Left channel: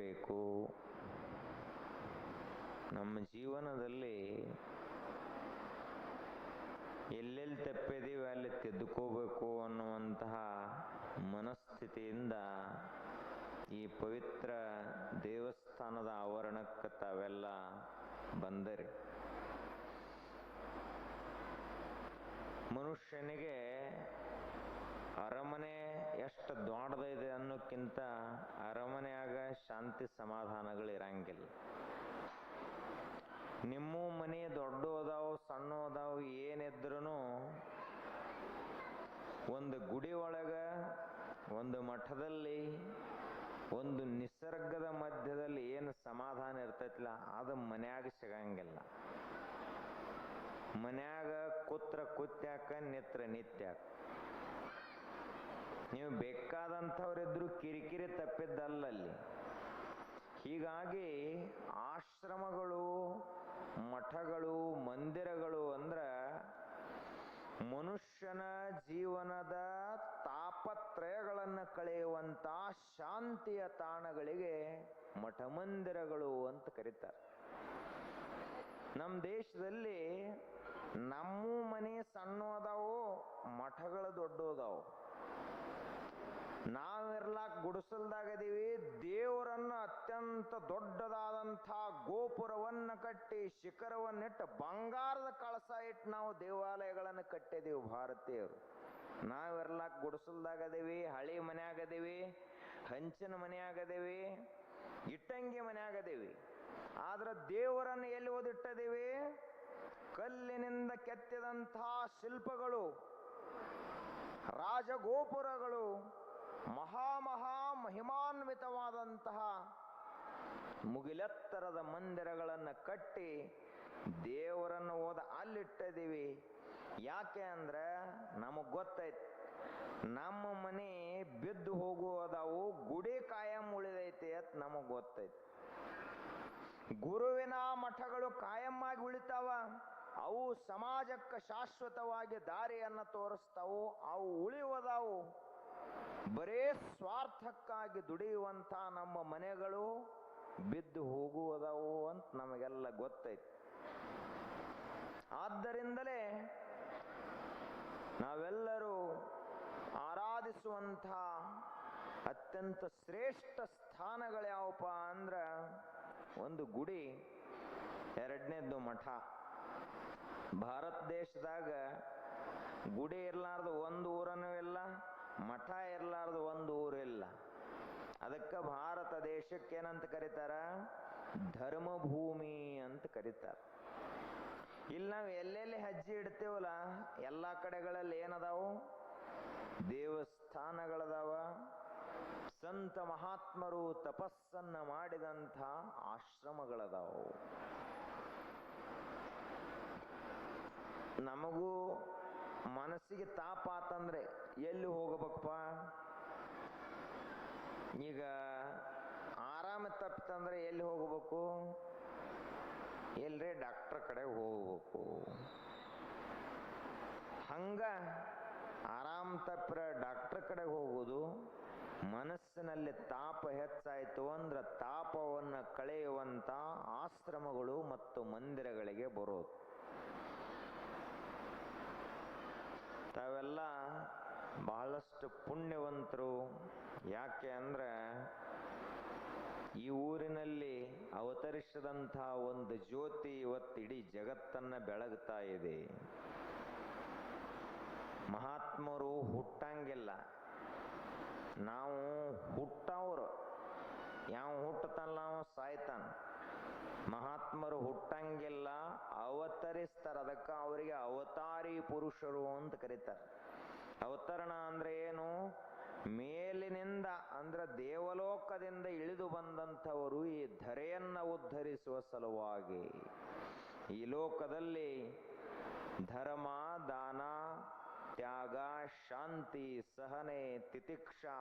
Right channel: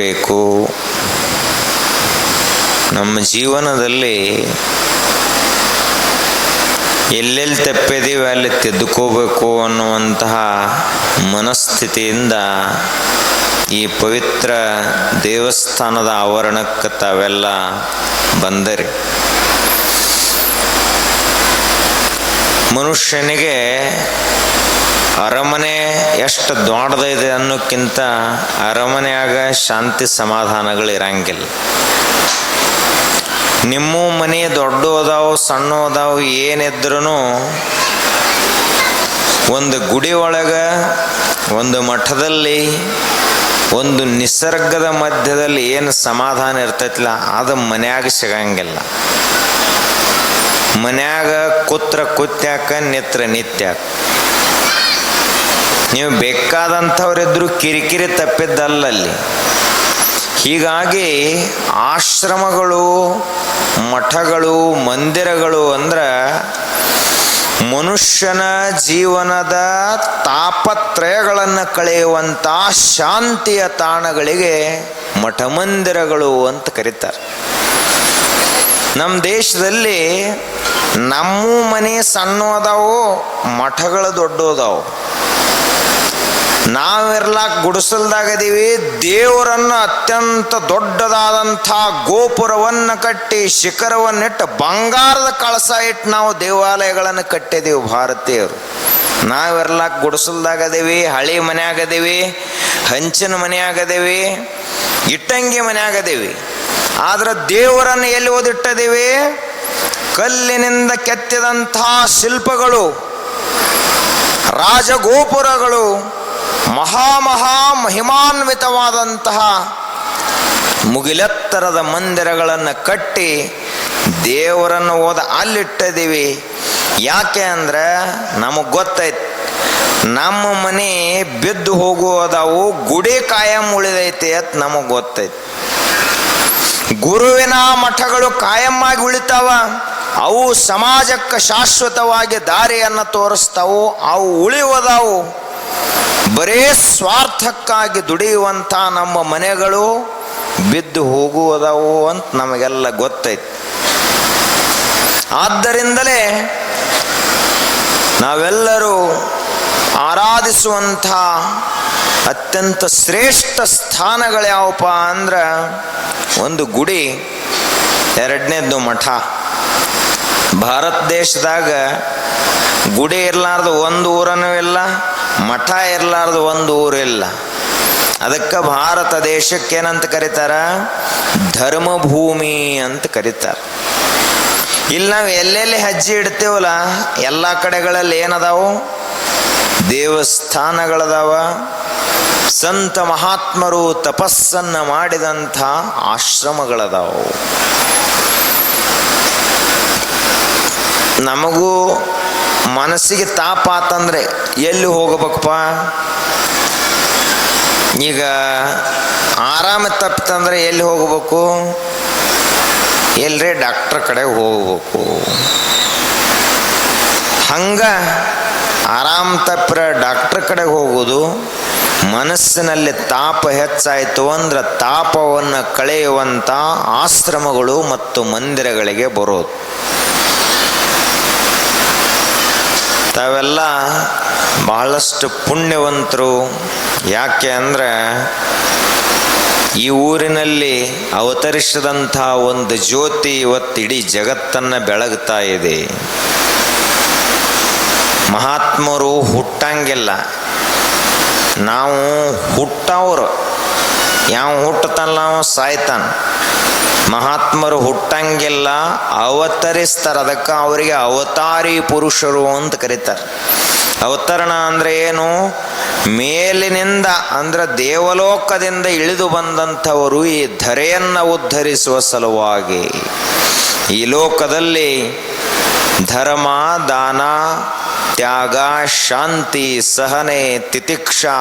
ಬೇಕು. ನಮ್ಮ ಜೀವನದಲ್ಲಿ ಎಲ್ಲೆಲ್ಲಿ ತಪ್ಪಿದೀವಿ ಅಲ್ಲಿ ತಿದ್ದುಕೋಬೇಕು ಅನ್ನುವಂತಹ ಮನಸ್ಥಿತಿಯಿಂದ ಈ ಪವಿತ್ರ ದೇವಸ್ಥಾನದ ಆವರಣಕ್ಕೆ ತಾವೆಲ್ಲ ಬಂದರಿ. ಮನುಷ್ಯನಿಗೆ ಅರಮನೆ ಎಷ್ಟು ದೊಡ್ಡದಿದೆ ಅನ್ನೋಕ್ಕಿಂತ ಅರಮನೆಯಾಗ ಶಾಂತಿ ಸಮಾಧಾನಗಳು ಇರಂಗಿಲ್ಲ. ನಿಮ್ಮ ಮನೆ ದೊಡ್ಡ ಅದಾವು ಸಣ್ಣ ಅದಾವು ಏನಿದ್ರೂ ಒಂದು ಗುಡಿ ಒಳಗೆ, ಒಂದು ಮಠದಲ್ಲಿ, ಒಂದು ನಿಸರ್ಗದ ಮಧ್ಯದಲ್ಲಿ ಏನು ಸಮಾಧಾನ ಇರ್ತೈತಿಲ್ಲ ಅದು ಮನ್ಯಾಗ ಸಿಗಂಗಿಲ್ಲ. ಮನ್ಯಾಗ ಕುತ್ಯಾಕ ನಿತ್ಯಾಕ. ನೀವು ಬೇಕಾದಂಥವ್ರಿದ್ರು ಕಿರಿಕಿರಿ ತಪ್ಪಿದ್ದಲ್ಲಲ್ಲಿ. ಹೀಗಾಗಿ ಆಶ್ರಮಗಳು, ಮಠಗಳು, ಮಂದಿರಗಳು ಅಂದ್ರೆ ಮನುಷ್ಯನ ಜೀವನದ ತಾಪತ್ರಯಗಳನ್ನು ಕಳೆಯುವಂಥ ಶಾಂತಿಯ ತಾಣಗಳಿಗೆ ಮಠ ಮಂದಿರಗಳು ಅಂತ ಕರೀತಾರೆ. ನಮ್ಮ ದೇಶದಲ್ಲಿ ನಮ್ಮ ಮನೆ ಸಣ್ಣ ಅದಾವು, ಮಠಗಳು ದೊಡ್ಡ ಅದಾವು. ನಾವಿರ್ಲಾಕ ಗುಡಿಸಲ್ದಾಗದೀವಿ, ದೇವರನ್ನು ಅತ್ಯಂತ ದೊಡ್ಡದಾದಂಥ ಗೋಪುರವನ್ನು ಕಟ್ಟಿ ಶಿಖರವನ್ನಿಟ್ಟು ಬಂಗಾರದ ಕಳಸ ಇಟ್ಟು ನಾವು ದೇವಾಲಯಗಳನ್ನು ಕಟ್ಟಿದೀವಿ ಭಾರತೀಯರು. ನಾವಿರ್ಲಾಕ ಗುಡಿಸಲ್ದಾಗದೀವಿ, ಹಳಿ ಮನೆಯಾಗದೀವಿ, ಹಂಚಿನ ಮನೆಯಾಗದೀವಿ, ಇಟ್ಟಂಗಿ ಮನೆಯಾಗದೀವಿ. ಆದ್ರೆ ದೇವರನ್ನು ಎಲ್ಲಿ ಓದಿಟ್ಟದೀವಿ? ಕಲ್ಲಿನಿಂದ ಕೆತ್ತಿದಂಥ ಶಿಲ್ಪಗಳು, ರಾಜಗೋಪುರಗಳು, ಮಹಿಮಾನ್ವಿತವಾದಂತಹ ಮುಗಿಲೆತ್ತರದ ಮಂದಿರಗಳನ್ನು ಕಟ್ಟಿ ದೇವರನ್ನು ಅಲ್ಲಿಟ್ಟಿದ್ದೀವಿ. ಯಾಕೆ ಅಂದ್ರೆ ನಮಗೆ ಗೊತ್ತೈತಿ ನಮ್ಮ ಮನೆ ಬಿದ್ದು ಹೋಗುವುದಾವು, ಗುಡಿ ಕಾಯಂ ಉಳಿದೈತಿ ಅಂತ ನಮಗೆ ಗೊತ್ತೈತಿ. ಗುರುವಿನ ಮಠಗಳು ಕಾಯಮ್ಮಾಗಿ ಉಳಿತಾವ, ಅವು ಸಮಾಜಕ್ಕೆ ಶಾಶ್ವತವಾಗಿ ದಾರಿಯನ್ನು ತೋರಿಸ್ತಾವು. ಅವು ಉಳಿಯುವುದಾವು. ಬರೇ ಸ್ವಾರ್ಥಕ್ಕಾಗಿ ದುಡಿಯುವಂಥ ನಮ್ಮ ಮನೆಗಳು ಬಿದ್ದು ಹೋಗುವುದವು ಅಂತ ನಮಗೆಲ್ಲ ಗೊತ್ತೈತಿ. ಆದ್ದರಿಂದಲೇ ನಾವೆಲ್ಲರೂ ಆರಾಧಿಸುವಂಥ ಅತ್ಯಂತ ಶ್ರೇಷ್ಠ ಸ್ಥಾನಗಳು ಯಾವಪ್ಪ ಅಂದ್ರೆ ಒಂದು ಗುಡಿ, ಎರಡನೇದ್ದು ಮಠ. ಭಾರತ ದೇಶದಾಗ ಗುಡಿ ಇರಲಾರ್ದು ಒಂದು ಊರನೂ ಇಲ್ಲ, ಮಠ ಇರಲಾರ್ದು ಒಂದು ಊರಿಲ್ಲ. ಅದಕ್ಕೆ ಭಾರತ ದೇಶಕ್ಕೆ ಏನಂತ ಕರೀತಾರ? ಧರ್ಮಭೂಮಿ ಅಂತ ಕರೀತಾರ. ಇಲ್ಲಿ ನಾವು ಎಲ್ಲೆಲ್ಲಿ ಹೆಜ್ಜೆ ಇಡ್ತೇವಲ್ಲ ಎಲ್ಲ ಕಡೆಗಳಲ್ಲಿ ಏನದಾವು? ದೇವಸ್ಥಾನಗಳದಾವ. ಸಂತ ಮಹಾತ್ಮರು ತಪಸ್ಸನ್ನು ಮಾಡಿದಂಥ ಆಶ್ರಮಗಳದಾವು. ನಮಗೂ ಮನಸ್ಸಿಗೆ ತಾಪ ಆತಂದ್ರೆ ಎಲ್ಲಿ ಹೋಗಬೇಕಪ್ಪ? ಈಗ ಆರಾಮ ತಪ್ಪಿತಂದ್ರೆ ಎಲ್ಲಿ ಹೋಗಬೇಕು? ಎಲ್ರೇ ಡಾಕ್ಟ್ರ್ ಕಡೆ ಹೋಗ್ಬೇಕು. ಹಂಗ ಆರಾಮ ತಪ್ಪರ ಡಾಕ್ಟ್ರ್ ಕಡೆ ಹೋಗೋದು. ಮನಸ್ಸಿನಲ್ಲಿ ತಾಪ ಹೆಚ್ಚಾಯಿತು ಅಂದ್ರೆ ತಾಪವನ್ನು ಕಳೆಯುವಂಥ ಆಶ್ರಮಗಳು ಮತ್ತು ಮಂದಿರಗಳಿಗೆ ಬರೋದು. ತಾವೆಲ್ಲ ಬಹಳಷ್ಟು ಪುಣ್ಯವಂತರು. ಯಾಕೆ ಅಂದರೆ ಈ ಊರಿನಲ್ಲಿ ಅವತರಿಸಿದಂಥ ಒಂದು ಜ್ಯೋತಿ ಇವತ್ತು ಇಡೀ ಜಗತ್ತನ್ನು ಬೆಳಗ್ತಾ ಇದೆ. ಮಹಾತ್ಮರು ಹುಟ್ಟಂಗಿಲ್ಲ, ನಾವು ಹುಟ್ಟವ್ರು. ಯಾವ ಹುಟ್ಟತಲ್ಲ ನಾವು ಸಾಯ್ತಾನ. ಮಹಾತ್ಮರು ಹುಟ್ಟಂಗಿಲ್ಲ, ಅವತರಿಸ್ತಾರೆ. ಅದಕ್ಕೆ ಅವರಿಗೆ ಅವತಾರಿ ಪುರುಷರು ಅಂತ ಕರೀತಾರೆ. ಅವತರಣ ಅಂದರೆ ಏನು? ಮೇಲಿನಿಂದ ಅಂದ್ರೆ ದೇವಲೋಕದಿಂದ ಇಳಿದು ಬಂದಂಥವರು ಈ ಧರೆಯನ್ನು ಉದ್ಧರಿಸುವ ಸಲುವಾಗಿ ಈ ಲೋಕದಲ್ಲಿ ಧರ್ಮ, ದಾನ, ತ್ಯಾಗ, ಶಾಂತಿ, ಸಹನೆ, ತಿತಿಕ್ಷಾ,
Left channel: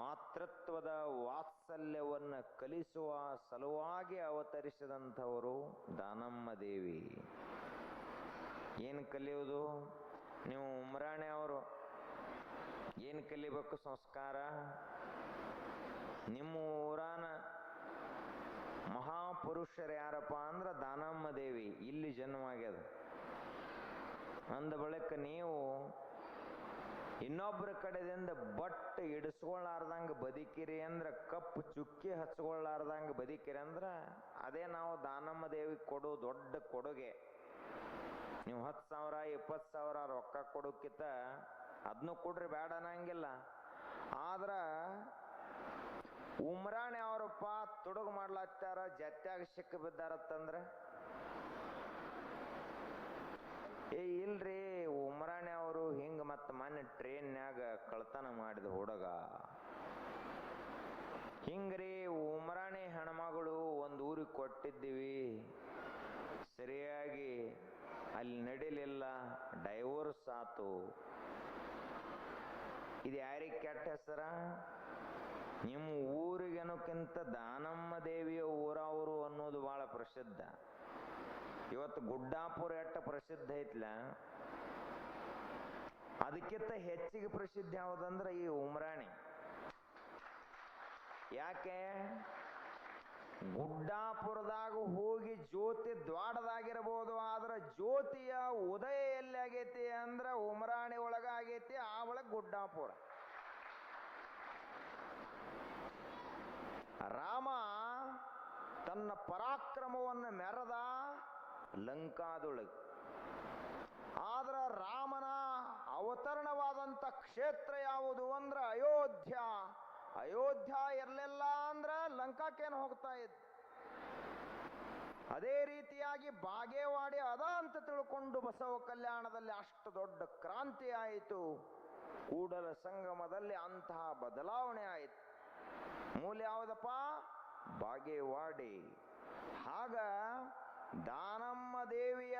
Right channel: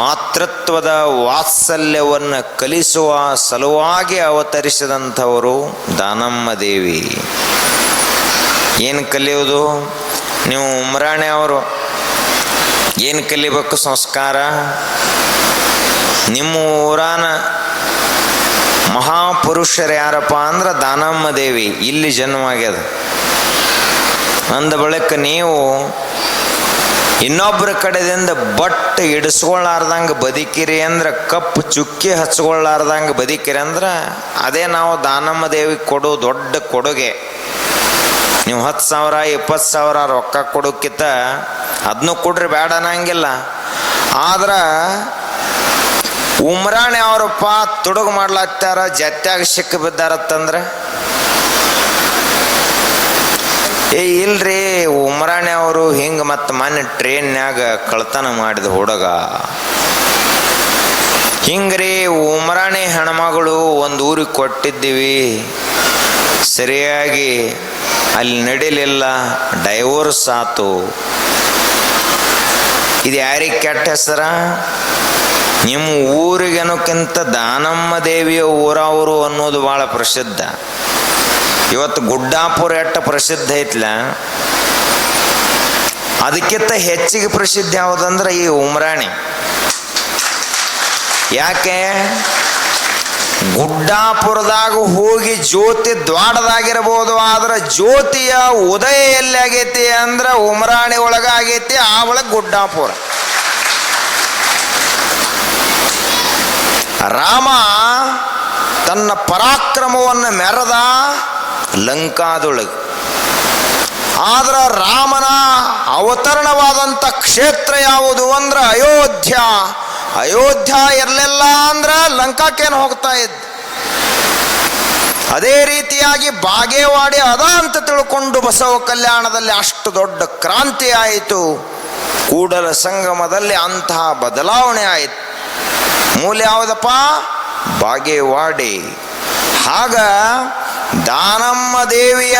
ಮಾತೃತ್ವದ ವಾತ್ಸಲ್ಯವನ್ನು ಕಲಿಸುವ ಸಲುವಾಗಿ ಅವತರಿಸಿದಂಥವರು ದಾನಮ್ಮ ದೇವಿ. ಏನು ಕಲಿಯೋದು? ನೀವು ಉಮ್ರಾಣಿ ಅವರು ಏನು ಕಲಿಬೇಕು? ಸಂಸ್ಕಾರ. ನಿಮ್ಮ ಊರಾನ ಮಹಾಪುರುಷರು ಯಾರಪ್ಪ ಅಂದ್ರೆ ದಾನಮ್ಮ ದೇವಿ ಇಲ್ಲಿ ಜನ್ಮವಾಗ್ಯದ. ಅಂದ ಬಳಿಕ ನೀವು ಇನ್ನೊಬ್ಬರ ಕಡೆದಿಂದ ಬಟ್ ಇಡಿಸ್ಕೊಳ್ಳಾರ್ದಂಗೆ ಬದುಕಿರಿ ಅಂದ್ರೆ, ಕಪ್ಪು ಚುಕ್ಕಿ ಹಚ್ಕೊಳ್ಳಾರ್ದಂಗೆ ಬದುಕಿರಿ ಅಂದ್ರೆ ಅದೇ ನಾವು ದಾನಮ್ಮ ದೇವಿಗೆ ಕೊಡೋ ದೊಡ್ಡ ಕೊಡುಗೆ. ನೀವು 10,000 20,000 ರೊಕ್ಕ ಕೊಡೋಕ್ಕಿಂತ ಅದನ್ನು ಕೊಡ್ರಿ, ಬೇಡ ಅನ್ನಂಗಿಲ್ಲ. ಆದ್ರೆ ಉಮ್ರಾಣಿ ಅವರಪ್ಪ ತುಡುಗು ಮಾಡ್ಲಾತ್ತಾರ, ಜತ್ಯಾಗ ಸಿಕ್ಕ ಬಿದ್ದಾರತ್ತಂದ್ರೆ ಇಲ್ರಿ ಉಮ್ರಾಣಿ ಅವರು ಹಿಂಗೆ ಮತ್ತು ಮೊನ್ನೆ ಟ್ರೈನ್ಯಾಗ ಕಳ್ತನ ಮಾಡಿದ ಹುಡುಗ ಹಿಂಗ್ರಿ. ಉಮ್ರಾಣಿ ಹೆಣ್ಮಗಳು ಒಂದು ಊರಿಗೆ ಕೊಟ್ಟಿದ್ದೀವಿ, ಸರಿಯಾಗಿ ಅಲ್ಲಿ ನಡಿಲಿಲ್ಲ, ಡೈವೋರ್ಸ್ ಆತು. ಇದು ಯಾರಿಗೆ ಕೆಟ್ಟ ಹೆಸರ? ನಿಮ್ಮ ಊರಿಗೇನೋಕ್ಕಿಂತ ದಾನಮ್ಮ ದೇವಿಯ ಊರವರು ಅನ್ನೋದು ಭಾಳ ಪ್ರಸಿದ್ಧ. ಇವತ್ತು ಗುಡ್ಡಾಪುರ ಎಟ್ಟ ಪ್ರಸಿದ್ಧ ಐತ್ಲ, ಅದಕ್ಕಿಂತ ಹೆಚ್ಚಿಗೆ ಪ್ರಸಿದ್ಧ ಯಾವುದಂದ್ರೆ ಈ ಉಮ್ರಾಣಿ. ಯಾಕೆ? ಗುಡ್ಡಾಪುರದಾಗ ಹೋಗಿ ಜ್ಯೋತಿ ದ್ವಾಡದಾಗಿರ್ಬೋದು, ಆದ್ರೆ ಜ್ಯೋತಿಯ ಉದಯ ಎಲ್ಲಿ ಆಗೈತಿ ಅಂದ್ರೆ ಉಮ್ರಾಣಿ ಒಳಗ ಆಗೈತಿ, ಆ ಒಳಗೆ ಗುಡ್ಡಾಪುರ. ರಾಮ ತನ್ನ ಪರಾಕ್ರಮವನ್ನು ಮೆರೆದ ಲಂಕಾದೊಳಗೆ, ಆದ್ರ ರಾಮನ ಅವತರಣವಾದಂಥ ಕ್ಷೇತ್ರ ಯಾವುದು ಅಂದ್ರೆ ಅಯೋಧ್ಯ. ಅಯೋಧ್ಯ ಇರಲಿಲ್ಲ ಅಂದ್ರೆ ಲಂಕಾಕ್ಕೇನು ಹೋಗ್ತಾ ಇದ್ದ. ಅದೇ ರೀತಿಯಾಗಿ ಬಾಗೇವಾಡಿ ಅದ ಅಂತ ತಿಳ್ಕೊಂಡು ಬಸವ ಕಲ್ಯಾಣದಲ್ಲಿ ಅಷ್ಟು ದೊಡ್ಡ ಕ್ರಾಂತಿ ಆಯಿತು. ಕೂಡಲ ಸಂಗಮದಲ್ಲಿ ಅಂತಹ ಬದಲಾವಣೆ ಆಯಿತು. ಮೂಲ ಯಾವುದಪ್ಪ? ಬಾಗೇವಾಡಿ. ಆಗ ದಾನಮ್ಮ ದೇವಿಯ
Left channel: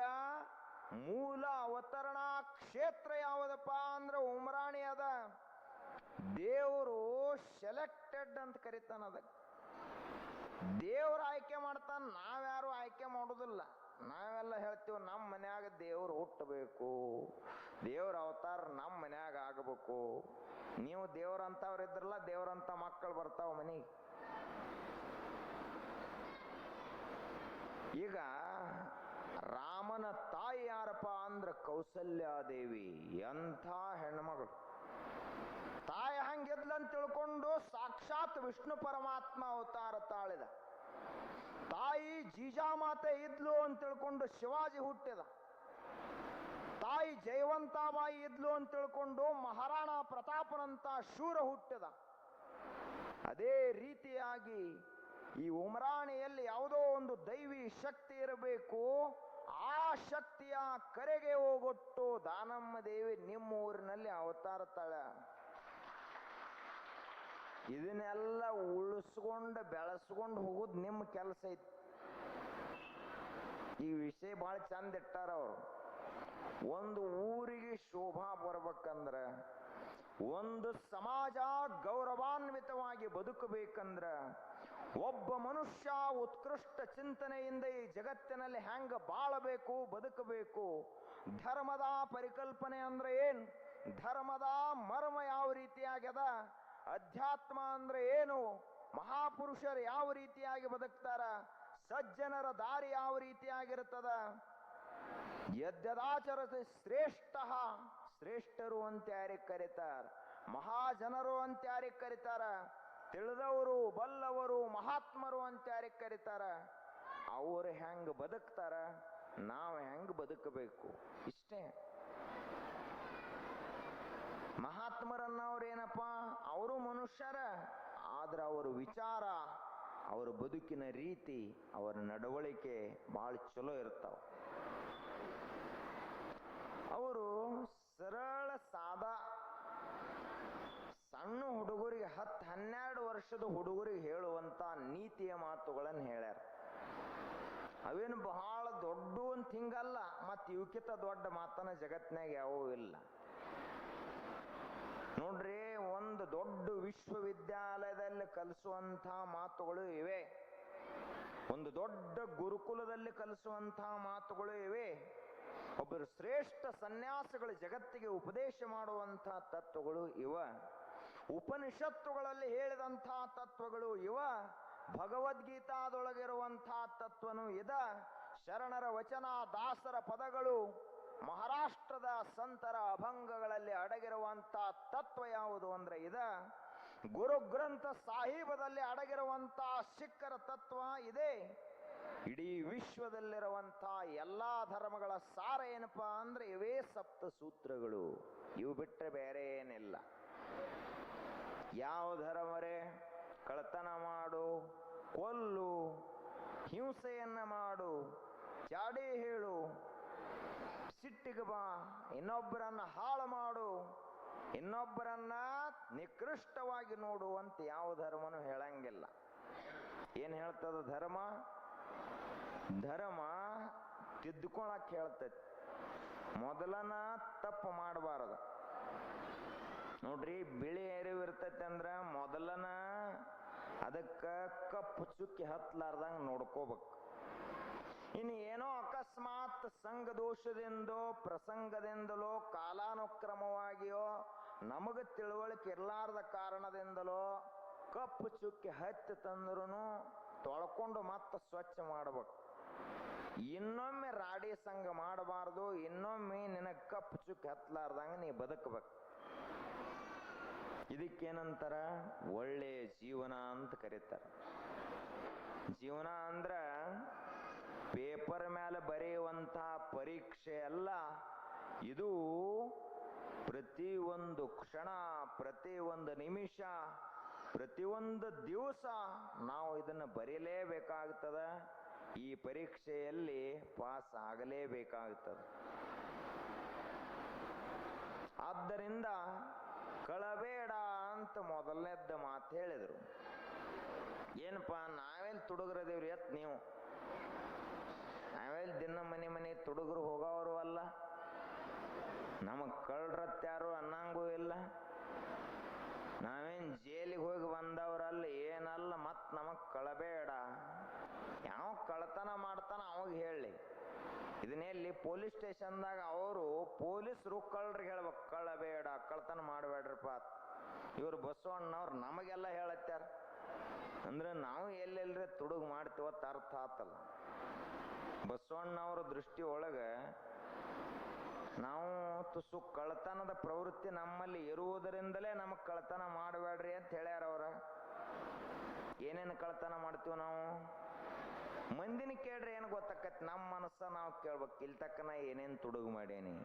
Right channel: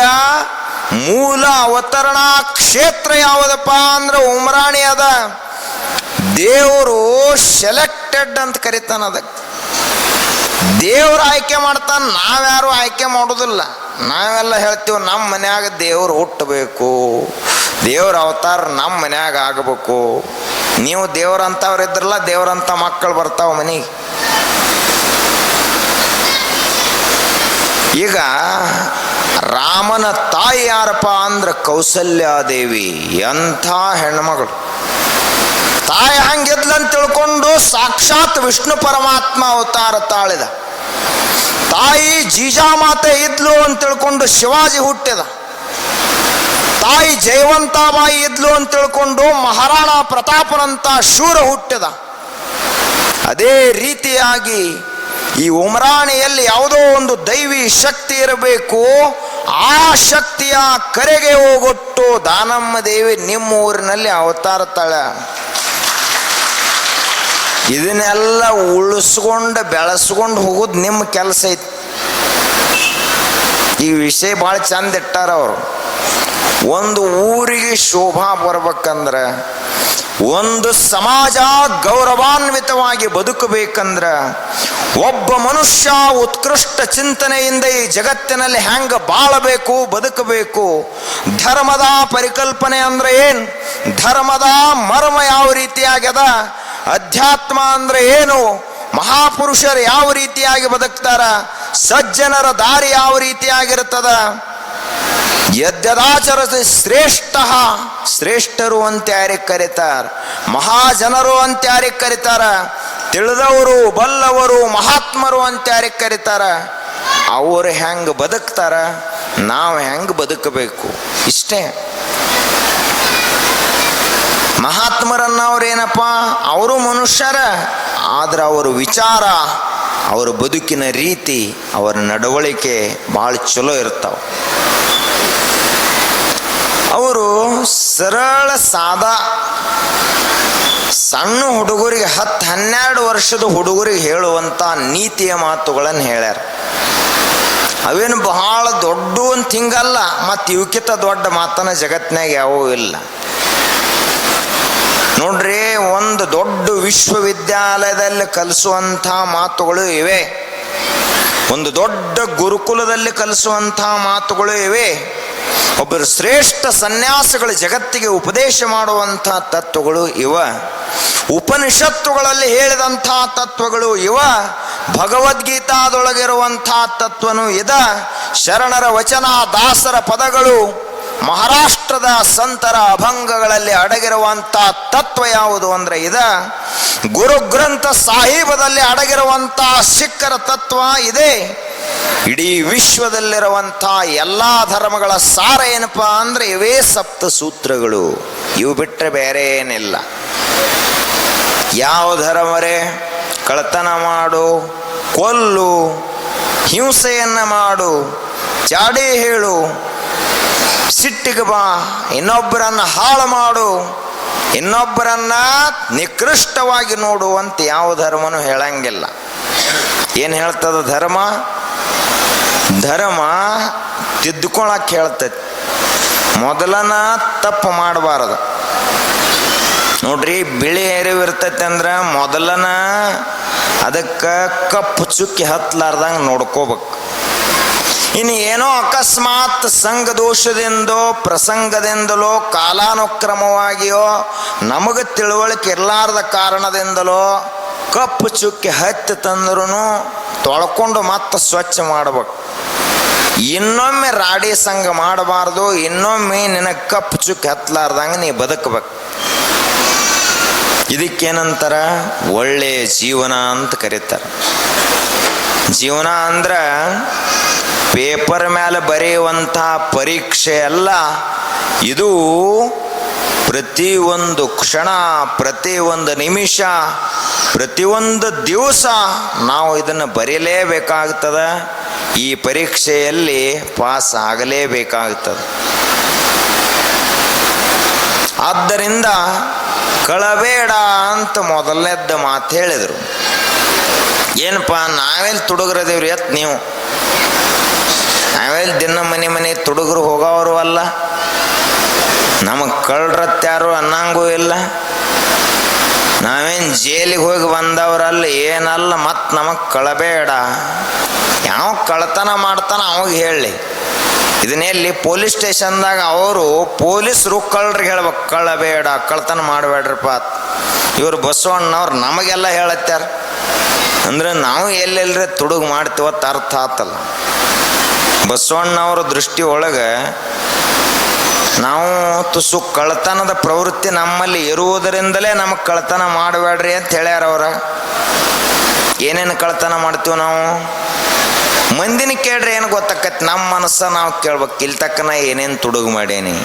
ಮೂಲ ಅವತರಣಾ ಕ್ಷೇತ್ರ ಯಾವುದಪ್ಪ ಅಂದ್ರೆ ಉಮ್ರಾಣಿ ಅದ. ದೇವರು ಸೆಲೆಕ್ಟೆಡ್ ಅಂತ ಕರಿತಾನ. ಅದಕ್ಕೆ ದೇವ್ರು ಆಯ್ಕೆ ಮಾಡ್ತಾನೆ, ನಾವ್ಯಾರು ಆಯ್ಕೆ ಮಾಡೋದಿಲ್ಲ. ನಾವೆಲ್ಲ ಹೇಳ್ತೀವಿ ನಮ್ಮ ಮನ್ಯಾಗ ದೇವ್ರು ಹುಟ್ಟಬೇಕು, ದೇವ್ರ ಅವತಾರ ನಮ್ಮ ಮನ್ಯಾಗ ಆಗಬೇಕು. ನೀವು ದೇವ್ರಂತವ್ರು ಇದ್ರಲ್ಲ, ದೇವ್ರಂತ ಮಕ್ಕಳು ಬರ್ತಾವ ಮನೆಗೆ. ಈಗ ರಾಮನ ತಾಯಿ ಯಾರಪ್ಪ ಅಂದ್ರೆ ಕೌಸಲ್ಯಾದೇವಿ. ಎಂಥ ಹೆಣ್ಮಗಳು! ತಾಯಿ ಹಂಗಿದ್ಲಂತ ತಿಳ್ಕೊಂಡು ಸಾಕ್ಷಾತ್ ವಿಷ್ಣು ಪರಮಾತ್ಮ ಅವತಾರ ತಾಳಿದ. ತಾಯಿ ಜೀಜಾಮಾತೆ ಇದ್ಲು ಅಂತ ತಿಳ್ಕೊಂಡು ಶಿವಾಜಿ ಹುಟ್ಟಿದ. ತಾಯಿ ಜಯವಂತಾಬಾಯಿ ಇದ್ಲು ಅಂತ ತಿಳ್ಕೊಂಡು ಮಹಾರಾಣ ಪ್ರತಾಪನಂತ ಶೂರ ಹುಟ್ಟಿದ. ಅದೇ ರೀತಿಯಾಗಿ ಈ ಉಮ್ರಾಣಿಯಲ್ಲಿ ಯಾವುದೋ ಒಂದು ದೈವಿ ಶಕ್ತಿ ಇರಬೇಕು. ಆ ಶಕ್ತಿಯ ಕರೆಗೆ ಹೋಗೊಟ್ಟು ದಾನಮ್ಮ ದೇವಿ ನಿಮ್ಮ ಊರಿನಲ್ಲಿ ಅವತಾರ ತಾಳ. ಇದನ್ನೆಲ್ಲ ಉಳಿಸ್ಕೊಂಡು ಬೆಳೆಸ್ಕೊಂಡು ಹೋಗೋದು ನಿಮ್ಮ ಕೆಲಸ ಐತಿ. ಈ ವಿಷಯ ಭಾಳ ಚಂದ ಇಟ್ಟಾರ ಅವರು. ಒಂದು ಊರಿಗೆ ಶೋಭಾ ಬರ್ಬೇಕಂದ್ರೆ, ಒಂದು ಸಮಾಜ ಗೌರವಾನ್ವಿತವಾಗಿ ಬದುಕಬೇಕಂದ್ರ, ಒಬ್ಬ ಮನುಷ್ಯ ಉತ್ಕೃಷ್ಟ ಚಿಂತನೆಯಿಂದ ಈ ಜಗತ್ತಿನಲ್ಲಿ ಹೆಂಗ ಬಾಳಬೇಕು, ಬದುಕಬೇಕು. ಧರ್ಮದ ಪರಿಕಲ್ಪನೆ ಅಂದ್ರೆ ಏನು? ಧರ್ಮದ ಮರ್ಮ ಯಾವ ರೀತಿಯಾಗ್ಯದ? ಅಧ್ಯಾತ್ಮ ಅಂದ್ರೆ ಏನು? ಮಹಾಪುರುಷರು ಯಾವ ರೀತಿಯಾಗಿ ಬದುಕ್ತಾರ? ಸಜ್ಜನರ ದಾರಿ ಯಾವ ರೀತಿಯಾಗಿರ್ತದ? ಯದ್ಯದಾಚರತೆ ಶ್ರೇಷ್ಠ, ಶ್ರೇಷ್ಠರು ಅಂತ ಯಾರಿಗೆ ಕರೀತಾರ? ಮಹಾಜನರು ಅಂತ ಯಾರಿಗೆ ಕರೀತಾರ? ತಿಳಿದವರು, ಬಲ್ಲವರು, ಮಹಾತ್ಮರು ಅಂತ ಯಾರಿಗೆ ಕರೀತಾರ? ಅವರು ಹೆಂಗ ಬದುಕ್ತಾರ, ನಾವು ಹೆಂಗ ಬದುಕಬೇಕು, ಇಷ್ಟೇ. ಮಹಾತ್ಮರನ್ನವ್ರೇನಪ್ಪ, ಅವರು ಮನುಷ್ಯರ, ಆದ್ರೆ ಅವರ ವಿಚಾರ, ಅವರ ಬದುಕಿನ ರೀತಿ, ಅವರ ನಡವಳಿಕೆ ಭಾಳ ಚಲೋ ಇರ್ತಾವ. ಅವರು ಸರಳ ಸಾದಾ ಸಣ್ಣ ಹುಡುಗರಿಗೆ 10-12 ವರ್ಷದ ಹುಡುಗರಿಗೆ ಹೇಳುವಂಥ ನೀತಿಯ ಮಾತುಗಳನ್ನು ಹೇಳ್ಯಾರ. ಅವೇನು ಬಹಳ ದೊಡ್ಡ ಅಂತ ಹಿಂಗಲ್ಲ, ಮತ್ತು ಇವಕ್ಕಿಂತ ದೊಡ್ಡ ಮಾತನ್ನ ಜಗತ್ತಿನಾಗ ಯಾವೂ ಇಲ್ಲ. ನೋಡ್ರಿ, ಒಂದು ದೊಡ್ಡ ವಿಶ್ವವಿದ್ಯಾಲಯದಲ್ಲಿ ಕಲಿಸುವಂಥ ಮಾತುಗಳು ಇವೆ, ಒಂದು ದೊಡ್ಡ ಗುರುಕುಲದಲ್ಲಿ ಕಲಿಸುವಂಥ ಮಾತುಗಳು ಇವೆ, ಒಬ್ಬರು ಶ್ರೇಷ್ಠ ಸನ್ಯಾಸಿಗಳು ಜಗತ್ತಿಗೆ ಉಪದೇಶ ಮಾಡುವಂಥ ತತ್ವಗಳು ಇವ. ಉಪನಿಷತ್ತುಗಳಲ್ಲಿ ಹೇಳಿದಂಥ ತತ್ವಗಳು ಇವ, ಭಗವದ್ಗೀತಾದೊಳಗಿರುವಂಥ ತತ್ವನು ಇದ, ಶರಣರ ವಚನ ದಾಸರ ಪದಗಳು, ಮಹಾರಾಷ್ಟ್ರದ ಸಂತರ ಅಭಂಗಗಳಲ್ಲಿ ಅಡಗಿರುವಂಥ ತತ್ವ ಯಾವುದು ಅಂದ್ರೆ ಇದ, ಗುರುಗ್ರಂಥ ಸಾಹೀಬದಲ್ಲಿ ಅಡಗಿರುವಂಥ ಸಿಖ್ಖರ ತತ್ವ ಇದೆ. ಇಡೀ ವಿಶ್ವದಲ್ಲಿರುವಂಥ ಎಲ್ಲ ಧರ್ಮಗಳ ಸಾರ ಏನಪ್ಪ ಅಂದ್ರೆ ಇವೇ ಸಪ್ತ ಸೂತ್ರಗಳು. ಇವು ಬಿಟ್ಟರೆ ಬೇರೆ ಏನಿಲ್ಲ. ಯಾವ ಧರ್ಮರೇ ಕಳ್ಳತನ ಮಾಡು, ಕೊಲ್ಲು, ಹಿಂಸೆಯನ್ನು ಮಾಡು, ಚಾಡಿ ಹೇಳು, ಸಿಟ್ಟಿಗೆ ಬಾ, ಇನ್ನೊಬ್ಬರನ್ನ ಹಾಳು ಮಾಡು, ಇನ್ನೊಬ್ಬರನ್ನ ನಿಕೃಷ್ಟವಾಗಿ ನೋಡು ಅಂತ ಯಾವ ಧರ್ಮನೂ ಹೇಳಂಗಿಲ್ಲ. ಏನು ಹೇಳ್ತದ ಧರ್ಮ? ಧರ್ಮ ತಿದ್ದುಕೊಳಕ್ಕೆ ಹೇಳ್ತೈತಿ. ಮೊದಲನ ತಪ್ಪು ಮಾಡಬಾರದು. ನೋಡ್ರಿ, ಬಿಳಿ ಎರಿವು ಇರ್ತೈತಿ ಅಂದ್ರೆ ಮೊದಲನ ಅದಕ್ಕೆ ಕಪ್ಪು ಚುಕ್ಕಿ ಹತ್ತಲಾರ್ದಂಗೆ ನೋಡ್ಕೋಬೇಕು. ಇನ್ನು ಏನೋ ಅಕಸ್ಮಾತ್ ಸಂಘ ದೋಷದಿಂದೋ ಪ್ರಸಂಗದಿಂದಲೋ ಕಾಲಾನುಕ್ರಮವಾಗಿಯೋ ನಮಗೆ ತಿಳುವಳಿಕೆ ಇರಲಾರ್ದ ಕಾರಣದಿಂದಲೋ ಕಪ್ಪು ಚುಕ್ಕಿ ಹತ್ತಿ ತಂದ್ರೂ ತೊಳ್ಕೊಂಡು ಮತ್ತೆ ಸ್ವಚ್ಛ ಮಾಡ್ಬೇಕು. ಇನ್ನೊಮ್ಮೆ ರಾಡಿ ಸಂಘ ಮಾಡಬಾರ್ದು. ಇನ್ನೊಮ್ಮೆ ನಿನಗೆ ಕಪ್ಪು ಚುಕ್ಕಿ ಹತ್ತಲಾರ್ದಂಗೆ ನೀ ಬದುಕಬೇಕು. ಇದಕ್ಕೇನಂತಾರ? ಒಳ್ಳೆಯ ಜೀವನ ಅಂತ ಕರೀತಾರೆ. ಜೀವನ ಅಂದ್ರೆ ಪೇಪರ್ ಮೇಲೆ ಬರೆಯುವಂಥ ಪರೀಕ್ಷೆ ಅಲ್ಲ. ಇದು ಪ್ರತಿಯೊಂದು ಕ್ಷಣ, ಪ್ರತಿಯೊಂದು ನಿಮಿಷ, ಪ್ರತಿಯೊಂದು ದಿವಸ ನಾವು ಇದನ್ನು ಬರೀಲೇಬೇಕಾಗ್ತದೆ. ಈ ಪರೀಕ್ಷೆಯಲ್ಲಿ ಪಾಸ್ ಆಗಲೇಬೇಕಾಗ್ತದೆ. ಆದ್ದರಿಂದ ಕಳಬೇಡ ಅಂತ ಮೊದಲನೇದ್ದು ಮಾತು ಹೇಳಿದರು. ಏನಪ್ಪ, ನಾವೆಲ್ಲಿ ತುಡುಗರದೇವ್ರಿ ಎತ್ ನೀವು? ನಾವೆಲ್ಲಿ ದಿನ ಮನೆ ತುಡುಗರು ಹೋಗೋರು ಅಲ್ಲ, ನಮಗೆ ಕಳ್ರತ್ಯಾರು ಅನ್ನಂಗೂ ಇಲ್ಲ, ನಾವೇನು ಜೈಲಿಗೆ ಹೋಗಿ ಬಂದವರಲ್ಲ, ಏನಲ್ಲ. ಮತ್ತು ನಮಗೆ ಕಳಬೇಡ. ಯಾವ ಕಳ್ತನ ಮಾಡ್ತಾನ ಅವಾಗ ಹೇಳಿ. ಇದನ್ನೆಲ್ಲಿ ಪೊಲೀಸ್ ಸ್ಟೇಷನ್ದಾಗ ಅವರು ಪೊಲೀಸರು ಕಳ್ರಿಗೆ ಹೇಳ್ಬೇಕು, ಕಳ್ಳಬೇಡ, ಕಳ್ತನ ಮಾಡಬೇಡ್ರಪ್ಪ. ಇವರು ಬಸವಣ್ಣವ್ರು ನಮಗೆಲ್ಲ ಹೇಳತ್ಯಾರ ಅಂದ್ರೆ ನಾವು ಎಲ್ಲೆಲ್ಲರೇ ತುಡುಗು ಮಾಡ್ತೀವತ್ತು ಅರ್ಥ ಆತಲ್ಲ. ಬಸವಣ್ಣವ್ರ ದೃಷ್ಟಿ ಒಳಗೆ ನಾವು ತುಸು ಕಳ್ತನದ ಪ್ರವೃತ್ತಿ ನಮ್ಮಲ್ಲಿ ಇರುವುದರಿಂದಲೇ ನಮಗೆ ಕಳ್ತನ ಮಾಡಬೇಡ್ರಿ ಅಂತ ಹೇಳ್ಯಾರ ಅವ್ರ. ಏನೇನು ಕಳ್ತನ ಮಾಡ್ತೀವಿ ನಾವು? ಮಂದಿನ ಕೇಳ್ರಿ ಏನು ಗೊತ್ತಾಕೈತಿ? ನಮ್ಮ ಮನಸ್ಸ ನಾವು ಕೇಳ್ಬೇಕು, ಇಲ್ಲಿ ತಕ್ಕನ ಏನೇನು ತುಡುಗು ಮಾಡೇನಿ.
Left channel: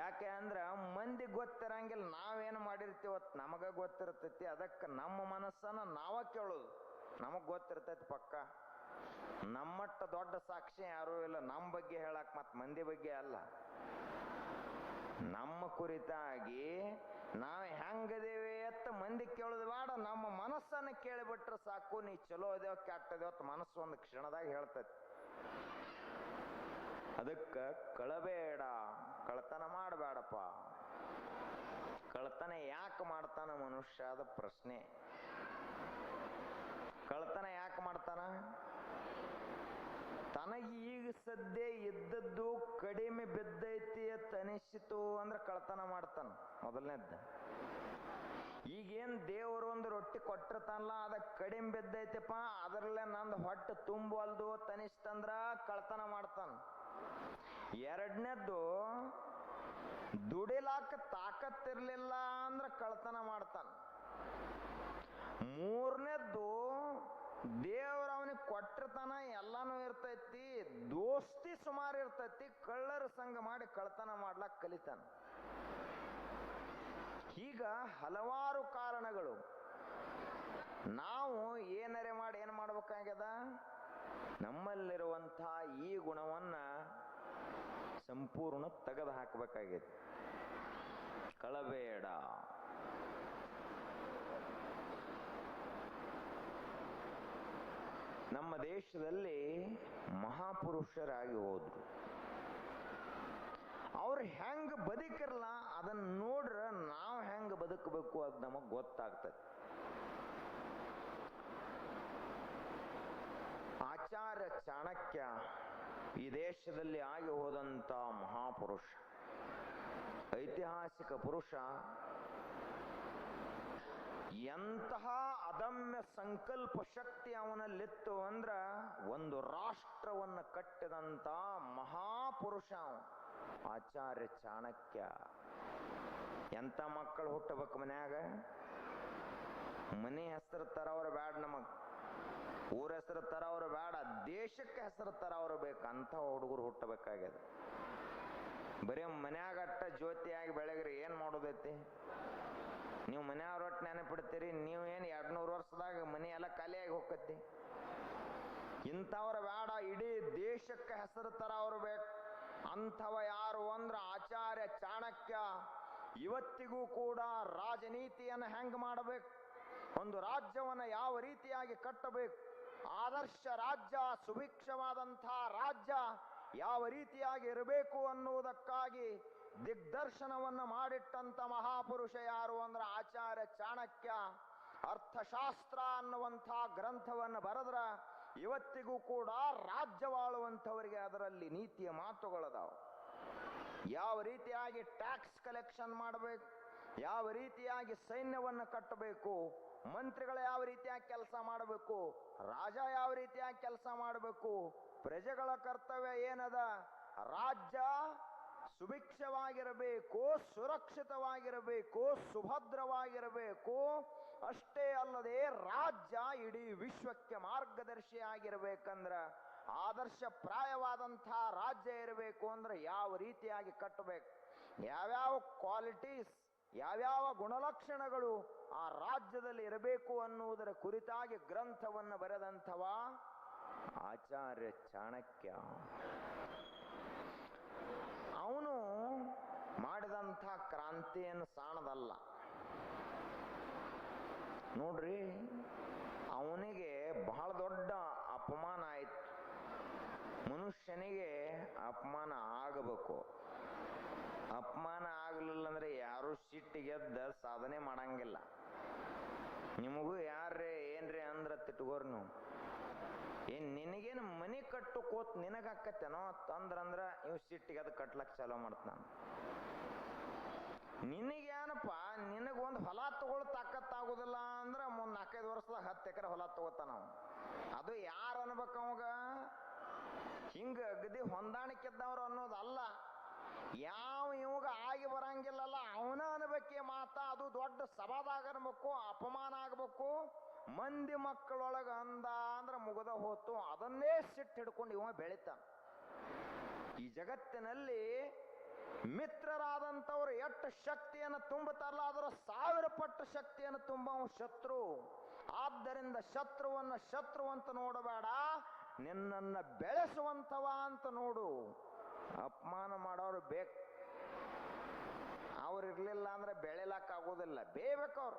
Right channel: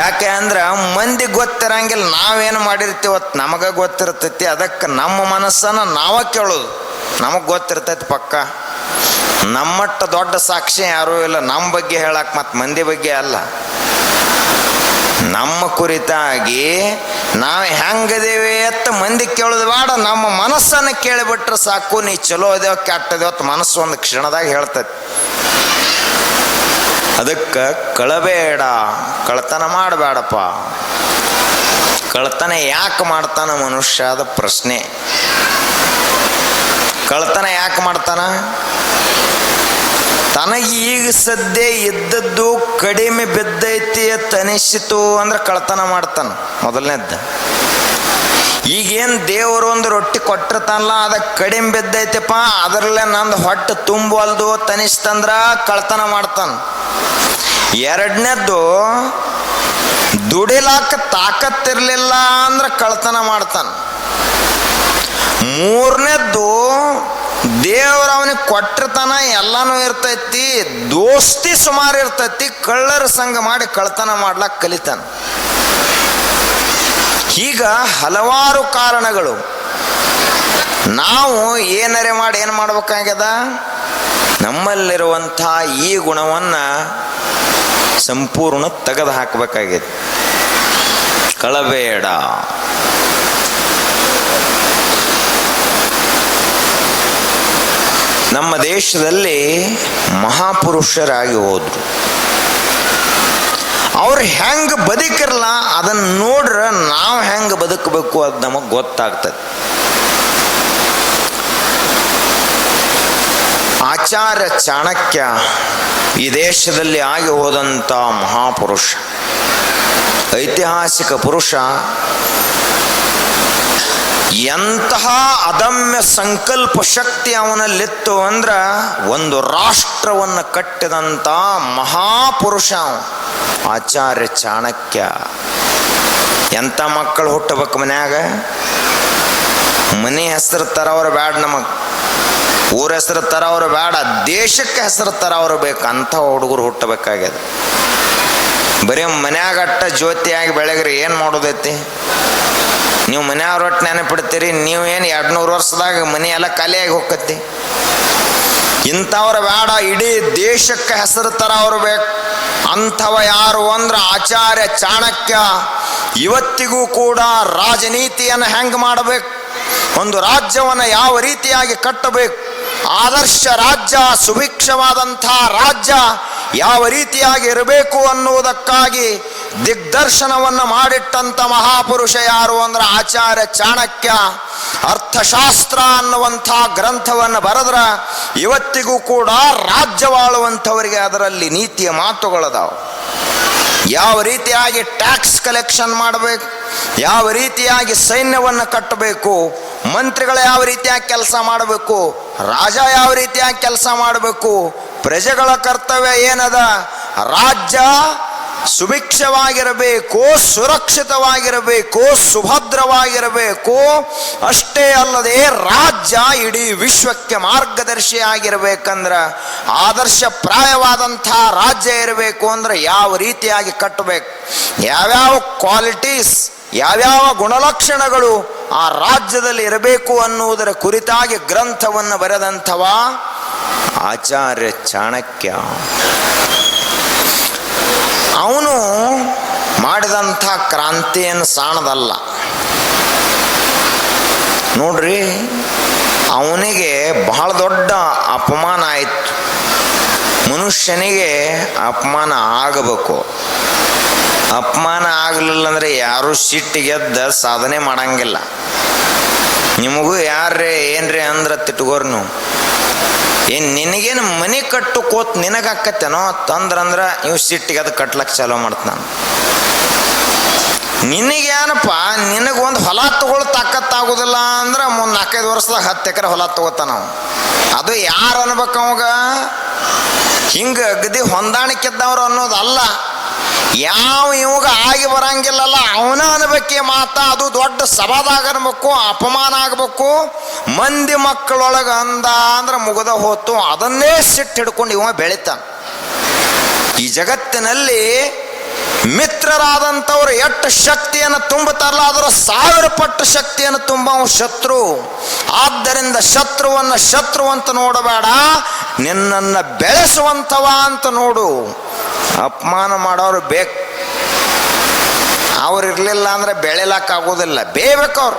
ಯಾಕೆ ಅಂದ್ರೆ ಮಂದಿ ಗೊತ್ತಿರಂಗಿಲ್ಲ, ನಾವೇನು ಮಾಡಿರ್ತೀವತ್ತು ನಮಗೆ ಗೊತ್ತಿರ್ತೈತಿ. ಅದಕ್ಕೆ ನಮ್ಮ ಮನಸ್ಸನ್ನು ನಾವೇ ಕೇಳೋದು. ನಮಗೆ ಗೊತ್ತಿರ್ತೈತಿ ಪಕ್ಕ. ನಮ್ಮಟ್ಟ ದೊಡ್ಡ ಸಾಕ್ಷಿ ಯಾರೂ ಇಲ್ಲ ನಮ್ಮ ಬಗ್ಗೆ ಹೇಳಕ್ಕೆ, ಮತ್ತು ಮಂದಿ ಬಗ್ಗೆ ಅಲ್ಲ. ನಮ್ಮ ಕುರಿತಾಗಿ ನಾವು ಹೆಂಗದೇವೆ ಅಂತ ಮಂದಿ ಕೇಳೋದು ಬೇಡ, ನಮ್ಮ ಮನಸ್ಸನ್ನು ಕೇಳಿಬಿಟ್ರೆ ಸಾಕು. ನೀ ಚಲೋ ಅದೇವ ಕೆಟ್ಟದೇವತ್ತು ಮನಸ್ಸು ಒಂದು ಕ್ಷಣದಾಗ ಹೇಳ್ತೈತಿ. ಅದಕ್ಕೆ ಕಳಬೇಡ, ಕಳ್ತನ ಮಾಡಬೇಡಪ್ಪ. ಕಳ್ತನ ಯಾಕೆ ಮಾಡ್ತಾನ ಮನುಷ್ಯ? ಅದ ಪ್ರಶ್ನೆ. ಕಳ್ತನ ಯಾಕೆ ಮಾಡ್ತಾನ? ತನಗೆ ಈಗ ಸದ್ಯ ಇದ್ದದ್ದು ಕಡಿಮೆ ಬಿದ್ದೈತಿ ಅಂತ ಅನಿಸಿತು ಅಂದ್ರೆ ಕಳ್ತನ ಮಾಡ್ತಾನ ಮೊದಲನೇದ್ದು. ಈಗೇನು ದೇವರು ಒಂದು ರೊಟ್ಟಿ ಕೊಟ್ಟಿರ್ತಾನಲ್ಲ, ಅದಕ್ಕೆ ಕಡಿಮೆ ಬಿದ್ದೈತಿಪ್ಪ, ಅದರಲ್ಲೇ ನಂದು ಹೊಟ್ಟೆ ತುಂಬವಲ್ದು ತನಿಸ್ತಂದ್ರ ಕಳ್ತನ ಮಾಡ್ತಾನ. ಎರಡನೇದ್ದು ದುಡಿಲಾಕ ತಾಕತ್ತಿರ್ಲಿಲ್ಲ ಅಂದ್ರೆ ಕಳ್ತನ ಮಾಡ್ತಾನ. ಮೂರನೇದ್ದು ದೇವ್ರ ಅವನಿಗೆ ಕೊಟ್ಟಿರ್ತಾನ, ಎಲ್ಲಾನು ಇರ್ತೈತಿ, ದೋಸ್ತಿ ಸುಮಾರು ಇರ್ತೈತಿ, ಕಳ್ಳರ ಸಂಘ ಮಾಡಿ ಕಳ್ತನ ಮಾಡ್ಲಾಕ ಕಲಿತಾನ. ಈಗ ಹಲವಾರು ಕಾರಣಗಳು. ನಾವು ಏನರೆ ಮಾಡಿ ಏನು ಮಾಡ್ಬೇಕಾಗ್ಯದ? ನಮ್ಮಲ್ಲಿರುವಂಥ ಈ ಗುಣವನ್ನು ಸಂಪೂರ್ಣ ತೆಗೆದು ಹಾಕಬೇಕಾಗಿದೆ. ಕಳಬೇಡ. ನಮ್ಮ ದೇಶದಲ್ಲಿ ಮಹಾಪುರುಷರಾಗಿ ಹೋದ್ರು. ಅವ್ರು ಹೆಂಗೆ ಬದುಕಿರಲ್ಲ ಅದನ್ನು ನೋಡ್ರೆ ನಾವು ಹೆಂಗೆ ಬದುಕಬೇಕು ಅದು ನಮಗೆ ಗೊತ್ತಾಗ್ತದೆ. ಆಚಾರ್ಯ ಚಾಣಕ್ಯ ಈ ದೇಶದಲ್ಲಿ ಆಗಿ ಹೋದಂಥ ಮಹಾಪುರುಷ, ಐತಿಹಾಸಿಕ ಪುರುಷ. ಎಂತಹ ಅದಮ್ಯ ಸಂಕಲ್ಪ ಶಕ್ತಿ ಅವನಲ್ಲಿತ್ತು ಅಂದ್ರ ಒಂದು ರಾಷ್ಟ್ರವನ್ನು ಕಟ್ಟಿದಂಥ ಮಹಾಪುರುಷ ಆಚಾರ್ಯ ಚಾಣಕ್ಯ. ಎಂಥ ಮಕ್ಕಳು ಹುಟ್ಟಬೇಕು ಮನ್ಯಾಗ? ಮನೆ ಹೆಸರು ತರವ್ರು ಬ್ಯಾಡ, ನಮಗೆ ಊರ ಹೆಸರು ತರವ್ರು ಬೇಡ, ದೇಶಕ್ಕೆ ಹೆಸರು ತರವ್ರು ಬೇಕು. ಅಂಥ ಹುಡುಗರು ಹುಟ್ಟಬೇಕಾಗ್ಯದ. ಬರೀ ಮನ್ಯಾಗಟ್ಟ ಜ್ಯೋತಿಯಾಗಿ ಬೆಳಗ್ರಿ ಏನು ಮಾಡೋದೈತಿ? ನೀವು ಮನೆಯವ್ರ ಒಟ್ಟು ನೆನಪಿಡ್ತೀರಿ, ನೀವೇನು 200 ವರ್ಷದಾಗ ಮನೆ ಎಲ್ಲ ಖಾಲಿಯಾಗಿ ಹೋಗತ್ತಿ. ಇಂಥವ್ರು ಬೇಡ, ಇಡೀ ದೇಶಕ್ಕೆ ಹೆಸರು ತರವ್ರು ಬೇಕು. ಅಂಥವ ಯಾರು ಅಂದ್ರೆ ಆಚಾರ್ಯ ಚಾಣಕ್ಯ. ಇವತ್ತಿಗೂ ಕೂಡ ರಾಜನೀತಿಯನ್ನು ಹೆಂಗೆ ಮಾಡಬೇಕು, ಒಂದು ರಾಜ್ಯವನ್ನು ಯಾವ ರೀತಿಯಾಗಿ ಕಟ್ಟಬೇಕು, ಆದರ್ಶ ರಾಜ್ಯ, ಸುಭಿಕ್ಷವಾದಂಥ ರಾಜ್ಯ ಯಾವ ರೀತಿಯಾಗಿ ಇರಬೇಕು ಅನ್ನುವುದಕ್ಕಾಗಿ ದಿಗ್ದರ್ಶನವನ್ನು ಮಾಡಿಟ್ಟಂಥ ಮಹಾಪುರುಷ ಯಾರು ಅಂದ್ರೆ ಆಚಾರ್ಯ ಚಾಣಕ್ಯ. ಅರ್ಥಶಾಸ್ತ್ರ ಅನ್ನುವಂಥ ಗ್ರಂಥವನ್ನು ಬರೆದ್ರ ಇವತ್ತಿಗೂ ಕೂಡ ರಾಜ್ಯವಾಳುವಂಥವರಿಗೆ ಅದರಲ್ಲಿ ನೀತಿಯ ಮಾತುಗಳದಾವು. ಯಾವ ರೀತಿಯಾಗಿ ಟ್ಯಾಕ್ಸ್ ಕಲೆಕ್ಷನ್ ಮಾಡಬೇಕು, ಯಾವ ರೀತಿಯಾಗಿ ಸೈನ್ಯವನ್ನು ಕಟ್ಟಬೇಕು, ಮಂತ್ರಿಗಳು ಯಾವ ರೀತಿಯಾಗಿ ಕೆಲಸ ಮಾಡಬೇಕು, ರಾಜ ಯಾವ ರೀತಿಯಾಗಿ ಕೆಲಸ ಮಾಡಬೇಕು, ಪ್ರಜೆಗಳ ಕರ್ತವ್ಯ ಏನದ, ರಾಜ್ಯ ಸುಭಿಕ್ಷವಾಗಿರಬೇಕು, ಸುರಕ್ಷಿತವಾಗಿರಬೇಕು, ಸುಭದ್ರವಾಗಿರಬೇಕು. ಅಷ್ಟೇ ಅಲ್ಲದೆ ರಾಜ್ಯ ಇಡೀ ವಿಶ್ವಕ್ಕೆ ಮಾರ್ಗದರ್ಶಿಯಾಗಿರ್ಬೇಕಂದ್ರೆ ಆದರ್ಶಪ್ರಾಯವಾದಂಥ ರಾಜ್ಯ ಇರಬೇಕು ಅಂದ್ರೆ ಯಾವ ರೀತಿಯಾಗಿ ಕಟ್ಟಬೇಕು, ಯಾವ್ಯಾವ ಕ್ವಾಲಿಟೀಸ್, ಯಾವ್ಯಾವ ಗುಣಲಕ್ಷಣಗಳು ಆ ರಾಜ್ಯದಲ್ಲಿ ಇರಬೇಕು ಅನ್ನುವುದರ ಕುರಿತಾಗಿ ಗ್ರಂಥವನ್ನು ಬರೆದಂಥವ ಆಚಾರ್ಯ ಚಾಣಕ್ಯ. ಅವನು ಮಾಡಿದಂಥ ಕ್ರಾಂತಿಯನ್ನು ಸಾಣದಲ್ಲ ನೋಡ್ರಿ. ಅವನಿಗೆ ಬಹಳ ದೊಡ್ಡ ಅಪಮಾನ ಆಯಿತು. ಮನುಷ್ಯನಿಗೆ ಅಪಮಾನ ಆಗಬೇಕು. ಅಪಮಾನ ಆಗಲಿಲ್ಲ ಅಂದರೆ ಯಾರು ಸಿಟ್ಟಿಗೆದ್ದ ಸಾಧನೆ ಮಾಡಂಗಿಲ್ಲ. ನಿಮಗೂ ಯಾರೇ ಏನ್ರಿ ಅಂದ್ರೆ ತಿಟ್ಕೋರ್ ನೀವು, ಏನು ನಿನಗೇನು ಮನೆ ಕಟ್ಟು ಕೋತ್ ನಿನಗಾಕತ್ತೇನೋ ತಂದ್ರಂದ್ರೆ ಇವು ಸಿಟ್ಟಿಗೆ ಅದು ಕಟ್ಲಕ್ಕೆ ಚಾಲೋ ಮಾಡ್ತಾನೆ. ನಿನಗೇನಪ್ಪ, ನಿನಗೊಂದು ಹೊಲ ತಗೊಳ್ ತಾಕತ್ತಾಗೋದಿಲ್ಲ ಅಂದ್ರೆ ಮುಂದೆ 4-5 ವರ್ಷದಾಗ 10 ಎಕರೆ ಹೊಲ ತಗೋತಾನ. ಅದು ಯಾರು ಅನ್ಬೇಕು ಅವಾಗ? ಹಿಂಗೆ ಅಗದಿ ಹೊಂದಾಣಿಕೆದ್ದವ್ರು ಅನ್ನೋದಲ್ಲ. ಯಾವ ಇವಾಗ ಆಗಿ ಬರಂಗಿಲ್ಲಲ್ಲ ಅವನ ಅನ್ಬೇಕೆ ಮಾತಾ. ಅದು ದೊಡ್ಡ ಸಭಾದಾಗ ಅನ್ಬೇಕು, ಅಪಮಾನ ಆಗ್ಬೇಕು. ಮಂದಿ ಮಕ್ಕಳೊಳಗೆ ಅಂದ ಅಂದ್ರೆ ಮುಗದ ಹೋತು. ಅದನ್ನೇ ಸಿಟ್ಟು ಹಿಡ್ಕೊಂಡು ಇವ ಬೆಳಿತಾನ. ಈ ಜಗತ್ತಿನಲ್ಲಿ ಮಿತ್ರರಾದಂಥವ್ರು ಎಷ್ಟು ಶಕ್ತಿಯನ್ನು ತುಂಬುತ್ತಾರಲ್ಲ ಅದರ 1000 ಪಟ್ಟು ಶಕ್ತಿಯನ್ನು ತುಂಬವ ಶತ್ರು. ಆದ್ದರಿಂದ ಶತ್ರುವನ್ನು ಶತ್ರು ಅಂತ ನೋಡಬೇಡ, ನಿನ್ನನ್ನು ಬೆಳೆಸುವಂಥವ ಅಂತ ನೋಡು. ಅಪಮಾನ ಮಾಡೋರು ಬೇಕು, ಅವ್ರು ಇರಲಿಲ್ಲ ಅಂದ್ರೆ ಬೆಳಿಲಕ್ಕಾಗೋದಿಲ್ಲ. ಬೇಯಬೇಕು. ಅವ್ರು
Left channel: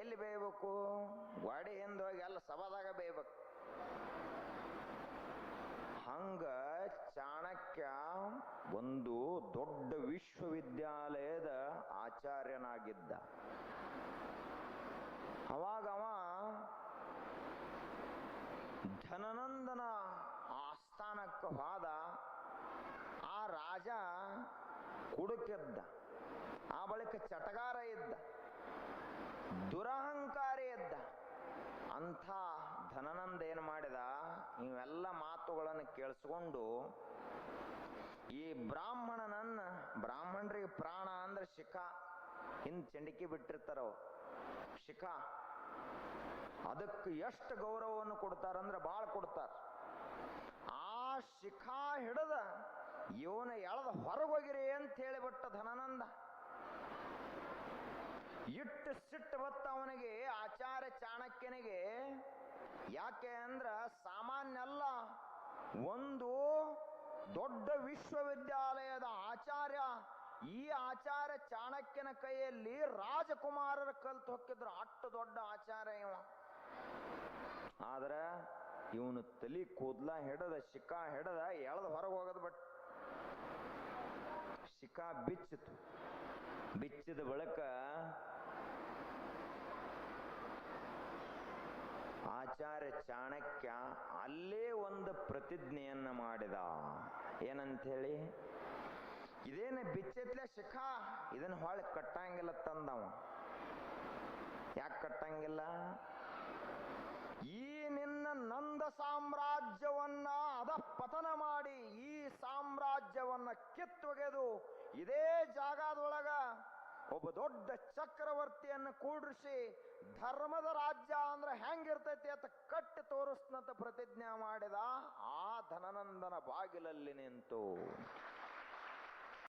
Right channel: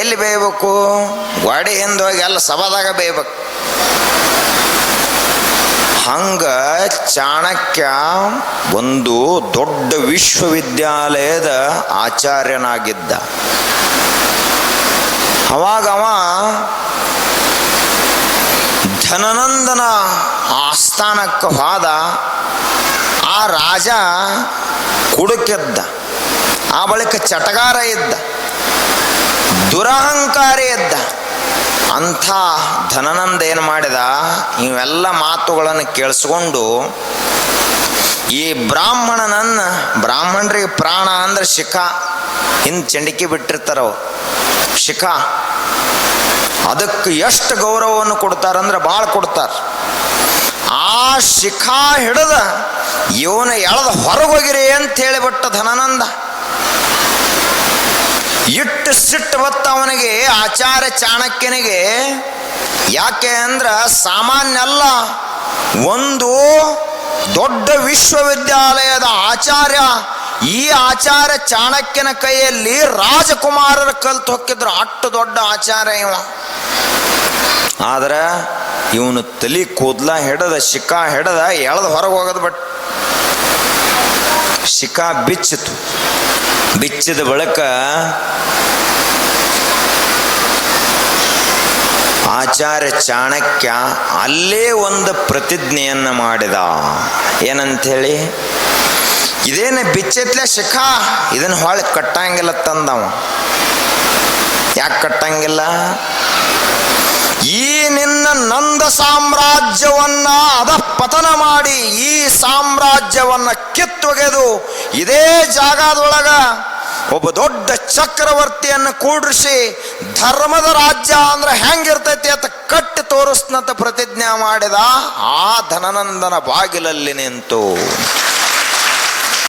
ಎಲ್ಲಿ ಬೇಯಬೇಕು? ಗಾಡಿ ಹಿಂದೆ ಹೋಗಿ ಎಲ್ಲ ಸಭಾದಾಗ ಬೇಯಬೇಕು. ಹಂಗ ಚಾಣಕ್ಯ ಒಂದು ದೊಡ್ಡ ವಿಶ್ವವಿದ್ಯಾಲಯದ ಆಚಾರ್ಯನಾಗಿದ್ದ. ಅವಾಗ ಅವ ಧನನಂದನ ಆಸ್ಥಾನಕ್ಕೆ ಹೋದ. ಆ ರಾಜ ಕುಡುಕಿದ್ದ, ಆ ಬಳಿಕ ಚಟಗಾರ ಇದ್ದ, ದುರಹಂಕಾರಿ ಇದ್ದ. ಅಂಥ ಧನನಂದ ಏನು ಮಾಡಿದ, ಇವೆಲ್ಲ ಮಾತುಗಳನ್ನು ಕೇಳಿಸ್ಕೊಂಡು ಈ ಬ್ರಾಹ್ಮಣರಿಗೆ ಪ್ರಾಣ ಅಂದ್ರೆ ಶಿಖಾ, ಹಿಂದೆ ಚಂಡಿಕೆ ಬಿಟ್ಟಿರ್ತಾರವು ಶಿಖಾ, ಅದಕ್ಕೆ ಎಷ್ಟು ಗೌರವವನ್ನು ಕೊಡ್ತಾರಂದ್ರೆ ಭಾಳ ಕೊಡ್ತಾರೆ. ಆ ಶಿಖಾ ಹಿಡಿದ ಇವನ ಎಳೆದ ಹೊರಗೋಗಿರಿ ಅಂತ ಹೇಳಿಬಿಟ್ಟ ಧನನಂದ. ಇಟ್ಟು ಸಿಟ್ಟು ಬತ್ತ ಅವನಿಗೆ, ಆಚಾರ್ಯ ಚಾಣಕ್ಯನಿಗೆ. ಯಾಕೆ ಅಂದ್ರ ಸಾಮಾನ್ಯ ಅಲ್ಲ, ಒಂದು ದೊಡ್ಡ ವಿಶ್ವವಿದ್ಯಾಲಯದ ಆಚಾರ್ಯ. ಈ ಆಚಾರ್ಯ ಚಾಣಕ್ಯನ ಕೈಯಲ್ಲಿ ರಾಜಕುಮಾರರ ಕಲ್ತು ಹೊಕ್ಕಿದ್ರು. ಅಷ್ಟು ದೊಡ್ಡ ಆಚಾರ್ಯ ಇವ. ಆದ್ರೆ ಇವನು ತಲಿ ಕೂದ್ಲ ಹಿಡದ ಶಿಖಾ ಹಿಡದ ಎಳೆದು ಹೊರಗೆ ಹೋಗೋದು. ಬಟ್ ಶಿಖಾ ಬಿಚ್ಚಿತು. ಬಿಚ್ಚಿದ ಬಳಿಕ ಆಚಾರ್ಯ ಚಾಣಕ್ಯ ಅಲ್ಲೇ ಒಂದು ಪ್ರತಿಜ್ಞೆಯನ್ನ ಮಾಡಿದ. ಏನಂಥೇಳಿ, ಇದೇನು ಬಿಚ್ಚತ್ಲೆ ಶಿಖಾ, ಇದನ್ನು ಹೊಳೆ ಕಟ್ಟಂಗಿಲ್ಲ ತಂದವ. ಯಾಕೆ ಕಟ್ಟಂಗಿಲ್ಲ? ಈ ನಿನ್ನ ನಂದ ಸಾಮ್ರಾಜ್ಯವನ್ನ ಅಧಃಪತನ ಮಾಡಿ ಈ ಸಾಮ್ರಾಜ್ಯವನ್ನ ಕಿತ್ತೊಗೆದು ಇದೇ ಜಾಗದೊಳಗ ಒಬ್ಬ ದೊಡ್ಡ ಚಕ್ರವರ್ತಿಯನ್ನು ಕೂಡ್ರಿಸಿ ಧರ್ಮದ ರಾಜ್ಯ ಅಂದ್ರೆ ಹೆಂಗಿರ್ತೈತಿ ಅಂತ ಕಟ್ಟಿ ತೋರಿಸ್ನಂತ ಪ್ರತಿಜ್ಞೆ ಮಾಡಿದ. ಆ ಧನನಂದನ ಬಾಗಿಲಲ್ಲಿ ನಿಂತು